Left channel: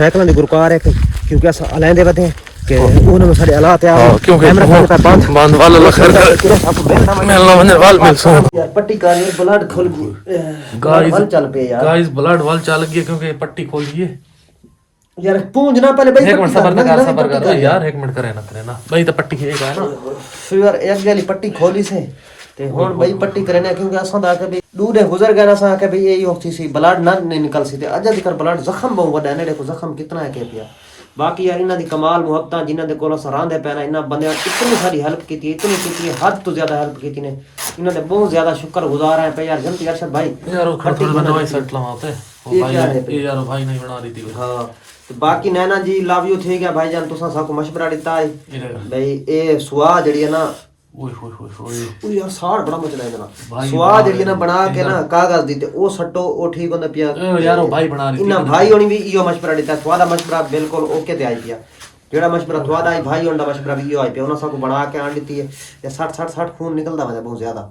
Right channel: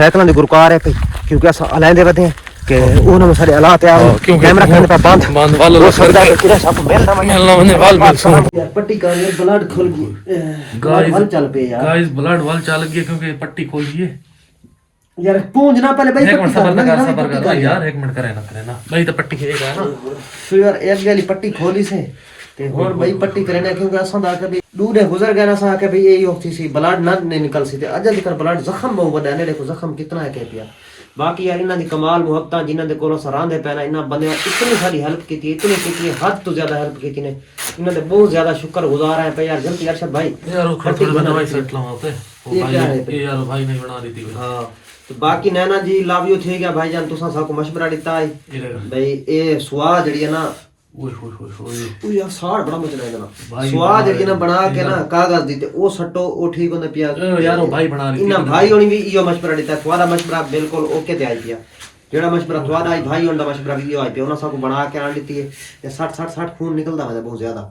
Cycle की गुरकार है क्योंकि अस अलाइंदे बदे कि उन्होंने सारे हालात यार कैमरा फोन का काम बंद वाला लखर मेला वने वाल मिल सो यार पट्टी का ये ब्लड खोल गाइस वाल चल पे यार गाइस ब्लड वाल चल गई क्योंकि पट्टी खोल गई है। यार पूंजना पहले भाई एक मिनट पट्टी सबर कर यार, एक मिनट करे ना भाई तो पट्टी खेगा ना फिर यार एक गली पट्टी खोली से ते हुन भाई पट्टी करने क्योंकि असां दा के भी दूर गुजर गए ना सा के भी यही होती सी ब्लड ना निकल सी ते अज तक ब्लड जख्म बहुत बड़ा ने देखो जख्म कितना है के पिया। बाकी यार इन्हां दी कमाल मुहब्बतां जिन्हां दे कोलों सरांदे पैना इन्हां बंदे इतनी सारी हेल्प की इतनी हद तो ज्यादा हेल्प की ने इन्हां दे बहुत ज्यादा शुक्रगुजार है पे यार जल्दी अरशद भाई यार पट्टी बनाई सेट लगाते ये यार भाई नहीं बना रही थी। हां तो बाकी नैना जी लव यू थे गया भाईजान तुसा सबको मशवरा दिता है भाई ए सुआ जड़ी है ना ओए होए होए होए ओ यार साड़ बड़ा मचला है ना सुआ जड़ी ना बना के ना कागज दी ते ओ सट्टो ओ ठीक होंदा पिया यार ओ भाई बना रही इना भाई होनी भी इयो मशवरा दिता थोड़ा मशवरा बिल्कुल ओके ते आई पिया जेड़ा मशवरा थोड़ा आई भाई होंदा मशवरा भी इयो आई पिया उना सबको बना के आन दी है या 60 खून निकलदा है बहुत ज्यादा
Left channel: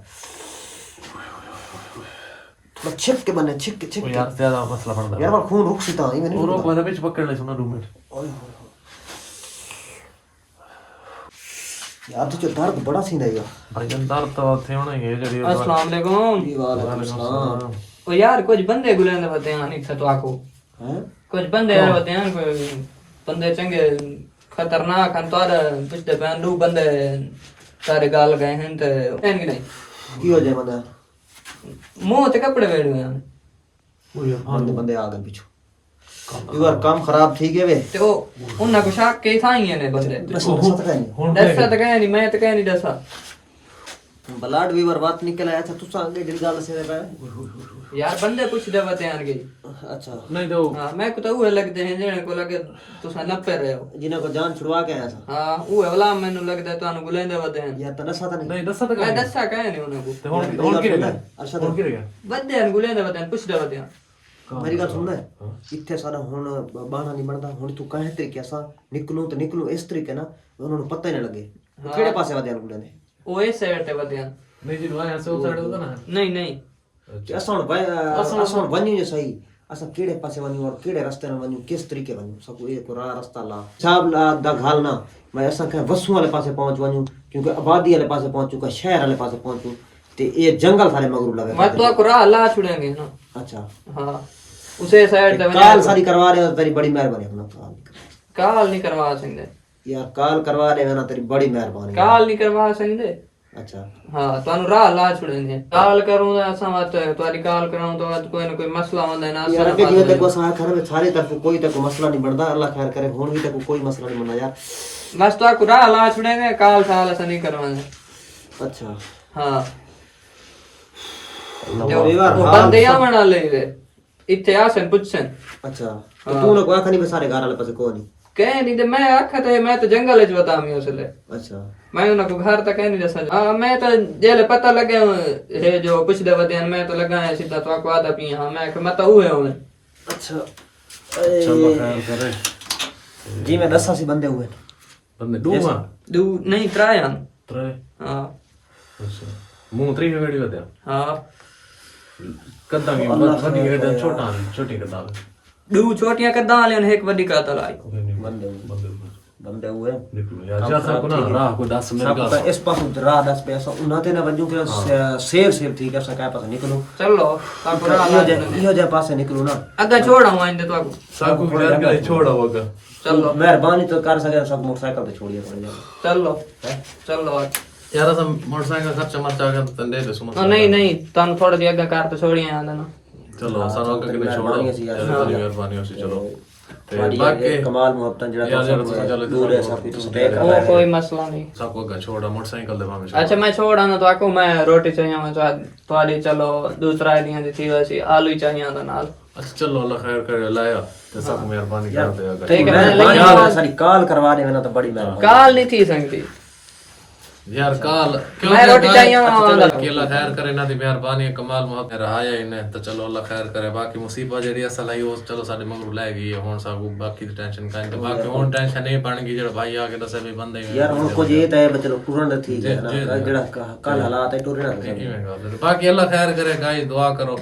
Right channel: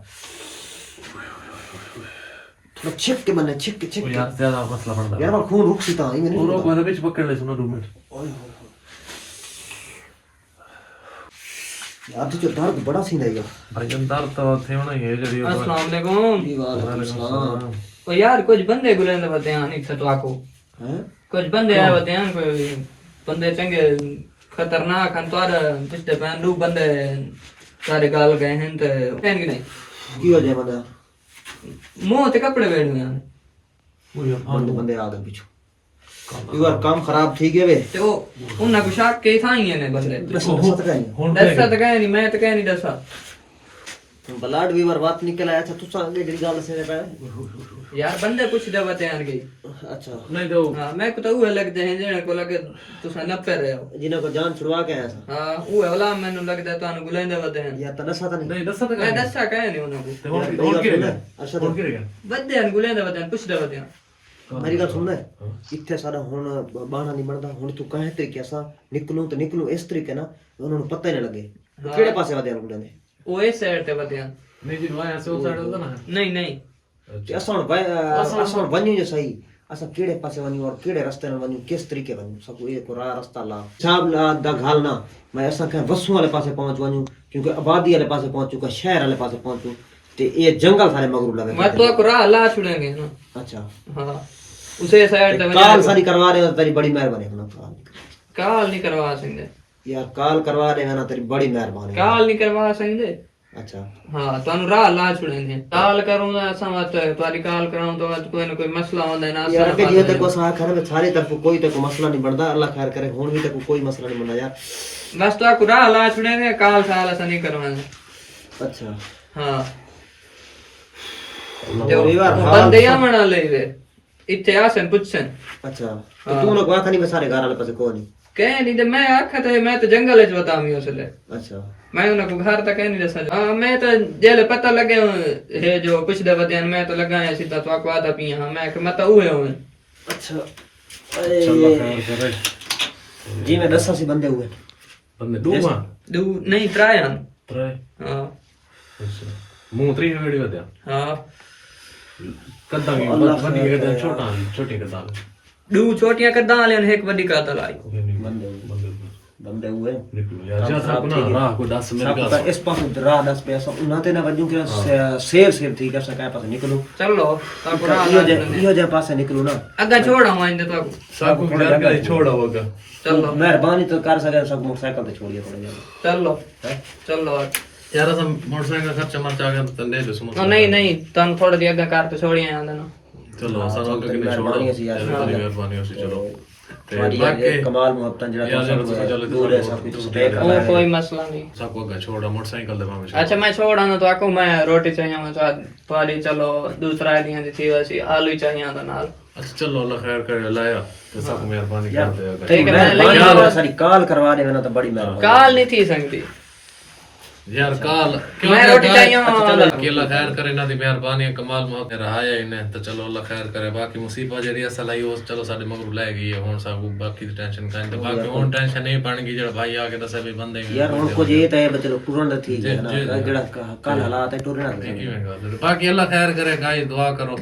थोड़ा छिक के बने छिक के यार ज्यादा मसला पड़दा यार खून रुक सी ता नहीं और मतलब बीच पकड़ ले सुना 2 मिनट यार तो दर्द बड़ा सी नहीं यार भाई दर्द तो थे होना ये जड़ी अस्सलाम वालेकुम। ओ यार कुछ बंदे गुलेंदे बते हैं नहीं तो आको हैं कुछ बंदे यार बते हैं कोई बंदे चंगे खतरनाक हैं तो पिछले पैन दो बंदे सारे गाल गए हैं तो एन की नहीं की हो जाए मतलब मुंह ते कपड़े वेड़ हुए हैं बंदे आ गए पीछे यार काम खराब ठीक है वे तो उन्ना को शाक के साई हैं बंदे दसा दसा तो कह नहीं मैं तो कह नहीं दसा ब्लड भी बर्बाद निकल आया था तू सांगे गड़ी गाल से लगा यार बंदे कुछ दे बते हैं गई अच्छा नहीं तो हां मैं को तो वो लगदे हैं जेने को लगे तुसा नपे रहे हो जिन्हें को जान छुड़वा के आया था हां वो वाला मैनू लगदा तानु गुलेंदे बते हैं या तनसा था नहीं दस तक मैं दसा कह नहीं उन्ना को हुन की रहेगा अच्छा हुन की रहेगा बदे हैं गुलेंदे बते हैं कुछ दे बते हैं मेरी गल सुनना है इत्थे सारा हुन बाणा नहीं बनदा हुन तू कहे तरीके सा निकलूं इस तरीके ना उन्होंने पता ही नहीं लगे केड़े पासे वादे गुंडे ने ओ इस साइड ते बते हैं नहीं जी वहां से उस साइड होता ना नहीं नहीं असां वन्यू जे सही असां केड़े पासे वन्यू और केड़े रास्ते न वन्यू किस तरीके वन्यू सब एक रास्ता ला साहब दा घालना मैं असां के वसू वाले पासे पहुंच वन्यू क्योंकि आबादी वाले पासे पहुंचू का शहर वाले पासे पहुंचू ते ये जंगल सारे मगरू लगे मैं तो को राह ला छुड़ेंगे ना अच्छा हां उसे साइड ते काल सारी करवा रहे हो तेरी बड़ी मेहरबानी अपना काल नहीं करवा सकते यार काल करवा रहे हो ना तेरी बड़ी मेहरबानी काल नहीं करवा सकते अच्छा हां तानु राह ला छुड़ेंगे काल करूंगा असा मत तुम्हारी काल कराऊं तो मत कोई ना कोई मसला होंदा ना यार के ये देखो सा घर में सारी तरफ कोई तक मसला नहीं बनदा अल्लाह खैर करे हुन भी तक कोई मसला नहीं बनदा यार बस तो को राह ला छुड़ेंगे काल साल ऐसा नहीं करवाएंगे अच्छा हां जो बंदे या मना ले दे इथे आसन पुछन अच्छा तो तू ना कोई खनी सारे घर वाले पासे कोई नहीं कह नहीं दे मैं आखते मैं तो जंगल च बतामी उसले अच्छा मैं उनको घर तक नहीं दसा हां मैं तो जेल पता लगे है जो कुछ दे बदन मैं तो लगा है सीधा तो को आदा पी हां मैं मत हुए हूं अच्छा चलो खैर करे जी मैं 10 सी बंदे हुए बंदे दो नहीं त्रायन त्रे हां अच्छा मुंह त्री में वीडियो दे हां कद्दा की बड़ी है छोटी कद्दा दो छोटियां कद्दा ले एक बड़ी का तलाई बंदे हुए यार जा सब ना राह को 10 मिनट सब इस पास राह 10 पैसा उना ते ना वजू के सेव ठीक है सका पास निकलो चलो ताको इयो जे पासे निकलो ना अगा छोड़ा हूं इंदे ताको सब को यार का छोड़ा होगा चलो मेहरबानी तो कर सके सब मोटरसाइकिल पे छोड़िए थोड़े ज्यादा चलो यार सब मोटरसाइकिल खर्चा मरचा कर तंदे ले सुनो नहीं तन थोड़ी दी अगा कार तो छोड़िए आंदा ना चलो सब आगे के छोड़ो मेहरबानी हो चलो बाकी कमाल मोहब्बत जड़ा दूर है सब कुछ पे कर रहा है कोई मसला नहीं सबको का छोड़ा मोटरसाइकिल दे मांगे अच्छा मैं छोड़ा ना तो आको मैं रोटी चाहिए तो वाली चलो दूसरा आइडिया दी थी वैसे आलू चाहिए आंदा नाल अच्छा चलो अल्लाह खैर करे लाया तो सब मेहरबानी कर दे अगर ठीक है सारी काल करवा दे ना तो बड़ी मेहरबानी काल नहीं थी संगती यार काल मैं रोटी चाहिए अल्लाह खैर करे ना दी मेहरबानी कमाल मोहब्बत रहाया इन्हें तो चलो अल्लाह खैर करे बाकी मुसीबत जेड़ी असल आई वो चलो साडे मगरू ले गई है हुन सब बाकी दी टेंशन काई तो बाकी हुन टेंशन नहीं बन गई जेड़ा भाई आके दसे भी बंदे यार हुन कुछ ये तो है चलो टूरन दा ठीक है ना जेड़ा कल हालात है टूरना बाकी अल्लाह खैर करे गाइस दुआ करो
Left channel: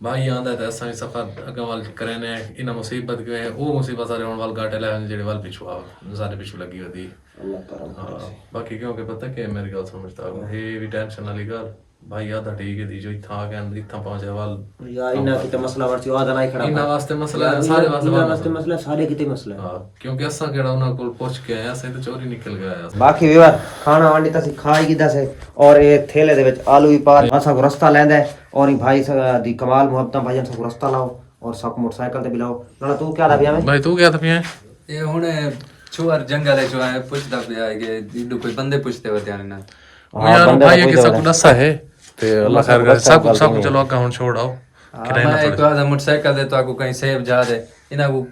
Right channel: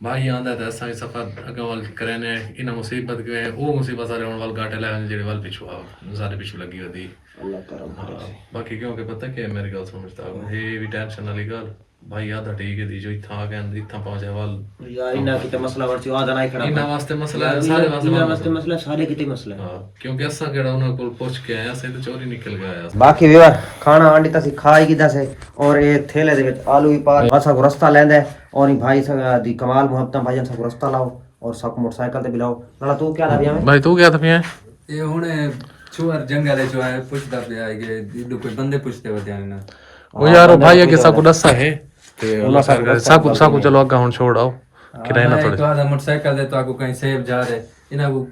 भाई आंदा है असां सफर अगा वाल करने इन मुसीबत के वो मुसीबत सारे होने वाल गाटे ले जेड़े वाल पिछू आ सारे पिछू लगी होती अल्लाह करम करे बाकी क्योंकि पता कि मेरी गल समझता हूं ये भी टेंशन वाली गल भाई आधा ठीक है दी जो इथा आ गए इथा पहुंचे वाल यार इना की तो मसला वर्ची आदा नहीं खड़ा इना वास्ते मसला है सारे वास्ते मसला सारे किते मसला है हां क्योंकि असां केड़ा उना कोल पहुंच के आया से तो चोरी निकल गया बाकी भी खाना आंटी तसी खाई किदा से और ये थैले दे विच आलू ही पा असा को रास्ता लेंदा और भाई दी कमाल मोहब्बत भाई हम सब रास्ता लाओ और सब मोटरसाइकिल ते बिलाओ ना तू क्या दा में भाई तू क्या था पिया ये हुणे चुआर जंगल है जो है पुछदा पिया कि इडू कोई बंदे पुछते होते हैं ना वो यार भाई के साकू दसा है ते अल्लाह खैर करे साकू चलो अगा हुन छोड़ आओ किराए ना थोड़े तो आधा मोटरसाइकिल दे तो आको कहीं सेव जा दे इना को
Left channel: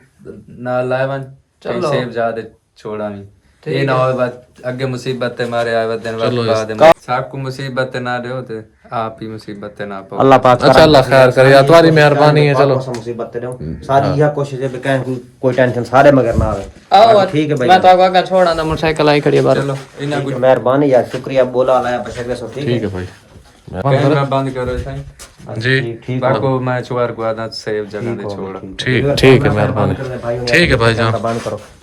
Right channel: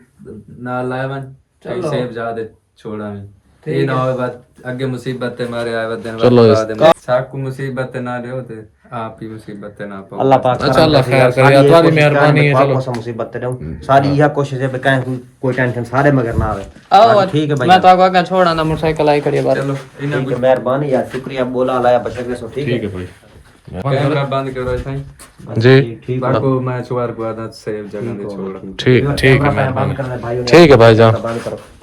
ना लावन कहीं सेव जा दे छोड़ा में ये ना हो बात आगे मुसीबत ते मारे आवे दिन चलो साकू मुसीबत ते ना दे होते आप ही मुसीबत ते ना पाओ अल्लाह पाक अच्छा अल्लाह खैर करे यार तुम्हारी मेहरबानी है चलो मुसीबत ते दो सारी यह कोशिश है कहीं कोई टेंशन सारे मगर ना आवे बाकी ठीक है भाई मैं तो आगे छोड़ा ना मोटरसाइकिल आई खड़ी है बाहर चलो इना इनकी मेहरबानी यार शुक्रिया बोला लाया बशर के सब ठीक है भाई कैमरा बंद करो भाई जी ठीक बाको मैं चुआर को आधा सेव जगह दे छोड़ा ठीक है मेहरबानी ठीक है भाई जान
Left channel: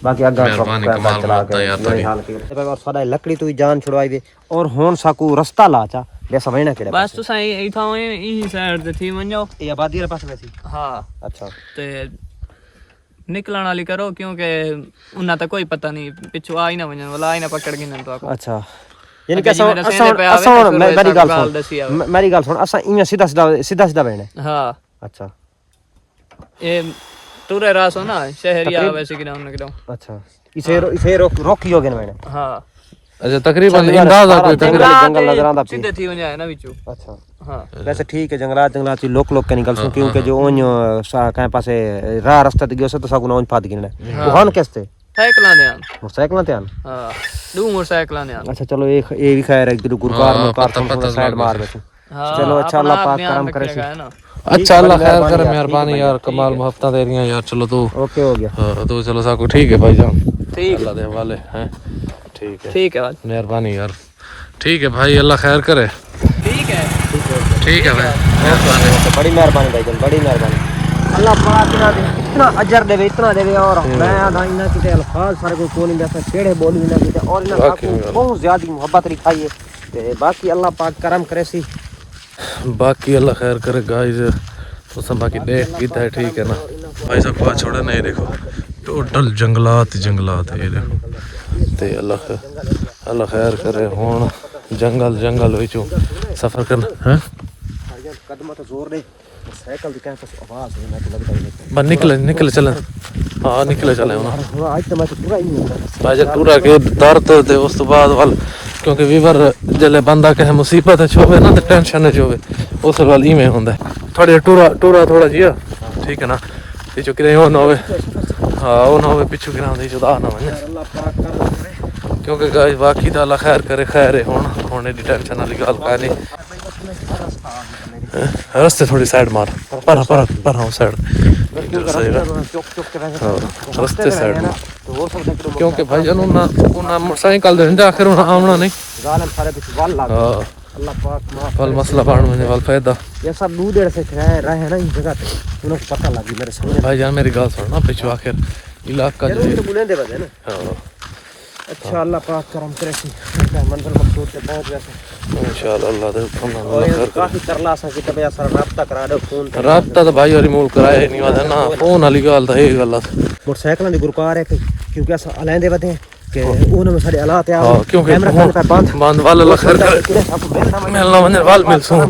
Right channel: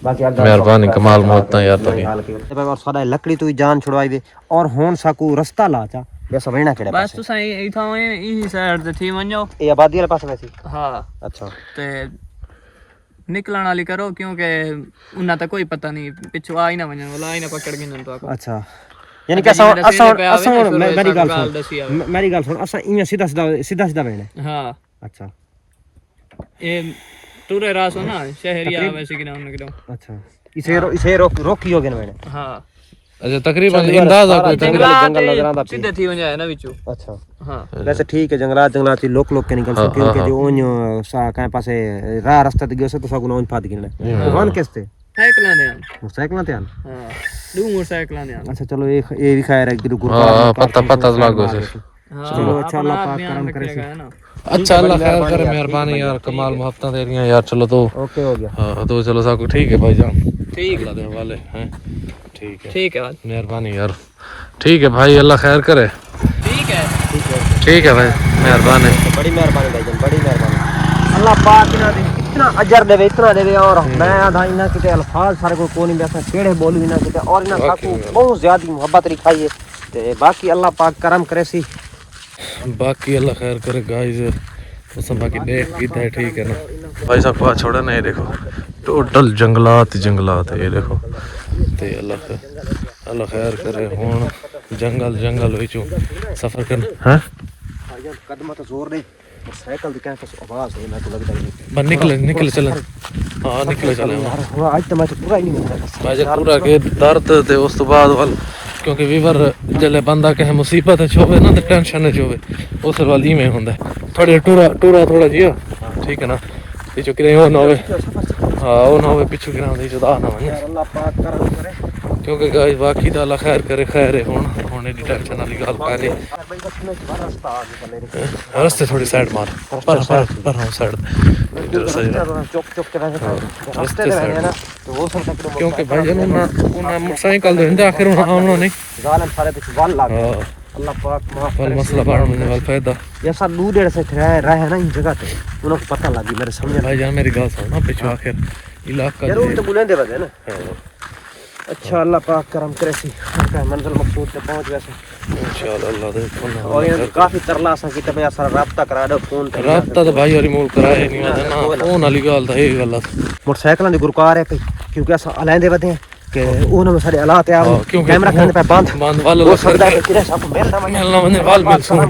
बाकी अगर मेहरबानी कमाल मोहब्बत यार तोरी और सदा लकड़ी तू जान छुड़वाई दे और होन साकू रास्ता लाचा जैसा वैना केड़ा बस तुसा इथा ई साइड ते थी वणो ये आबादी वाले पास वैसी हां अच्छा ते निकलण वाली करो क्योंकि उन्ना तो कोई पता नहीं पिछू आ ही ना वणन वाला आ ही ना पकड़ गिन तो अच्छा यानी कि असा मेरी गल सुन असा इया सीधा बैठे हां अच्छा ये टूरे रास हो ना शहरिया वैसे कि ना अच्छा इसे रोकी हो गए मैंने हां अच्छा तकरीबन अंदाजा कोई तकरीबन जंगल नजर आंदा सीधे थी वणा है ना बिचू अच्छा हां वैसे ठीक है जंगलात लोक के निकल सके क्योंकि जो ओन कहीं पासे राह रास्ता ते गयो से तो साकू नोन फाद गिनले वो हन कैसे साइकिलां ने आन मोटरसाइकिल ते आन हां दो मोटरसाइकिलां ने आन अच्छा चलो ये भी खैर है कि गुरबार पता लागो चलो अच्छा अल्लाह पाक करम करे से अच्छा अल्लाह खैर करे मेहरबानी यार कमाल मोहब्बत दे रही यार चलो तो ओके हो गया हां तो चलो साकू ठीक है भाई जान ठीक अल्लाह दे हवाले हैं ठीक है भाई मेहरबानी यार ठीक है भाई अल्लाह खैर करे ठीक है भाई मेहरबानी बड़ी मेहरबानी भाई बड़ी मेहरबानी अल्लाह पाक ना इतना अजर देवे इतना देवे और मैं भाई ना किते अल्फाज सारे को कोनी में केड़े बोलू ना किते और ना बहुत ज्यादा मोहब्बत लिखाई है ते बाकी अल्लाह पाक करम करे सी बाकी अल्लाह खैर करे गाइस तो सब बाकी देख कीता है ठीक है ना भाई साहब को छोड़ा नहीं देखो टोटल जंगलात ये देखो ते अल्लाह खैर करे हुन जंगल विचों सफर करना हैं कदम तो जोर नहीं साइकिल दी कैसे आवाज है ना तो लगता है बस निकल चले हां निकले चले ना वो आज तो मैं पूरा ही नहीं भाई जब पूरा के दर्द ते उस तो बाद वाल क्योंकि वीवर जले बंदा कहे मुसीबत होवे ना ते टेंशन है जोवे उस वाल ही में हुंदा थोड़ी टूरा थोड़ा जिया ठीक है ना पीछे किरे हो ना होवे हां ओ ना होवे पीछे किरा दे जुदा ना वने अल्लाह पाक करम करे क्योंकि गाइस बाकी दा अल्लाह खैर करे खैर है हुन एडी टेंशन वाली गल कानी रास्ते थोड़ी साइड मार पर हां साइड इधर साइड रास्ते साइड क्योंकि भाई जान ना मोटरसाइकिल दे जा आखिर आमना नहीं हां अल्लाह पाक वाल मसला बाण में वाल फायदा ये सब दूर देर से रहे ना इस जगह पे उनको पता लगी मेरे समझ भाई जान मेरी गल सुन ना पीछे आखिर इलाका जो तो बुलंद रहते हैं ना हां अच्छा अल्लाह पाक करम करे सी मंजिल मकसूद पे पहुंच गए इंशाल्लाह अल्लाह दे और काफी तरलास की तब यार राब्ता करा दो फोन राब्ता तो भाई और मूल कराया नहीं वादा ना फोन वाली गल तो ये गल मोटरसाइकिल दी गुरकार है क्योंकि अस अलेंदे वदे के उन में सारे हालात यार क्योंकि कैमरा पे बंद वाला खैर मिलना वने वाल मिल सुन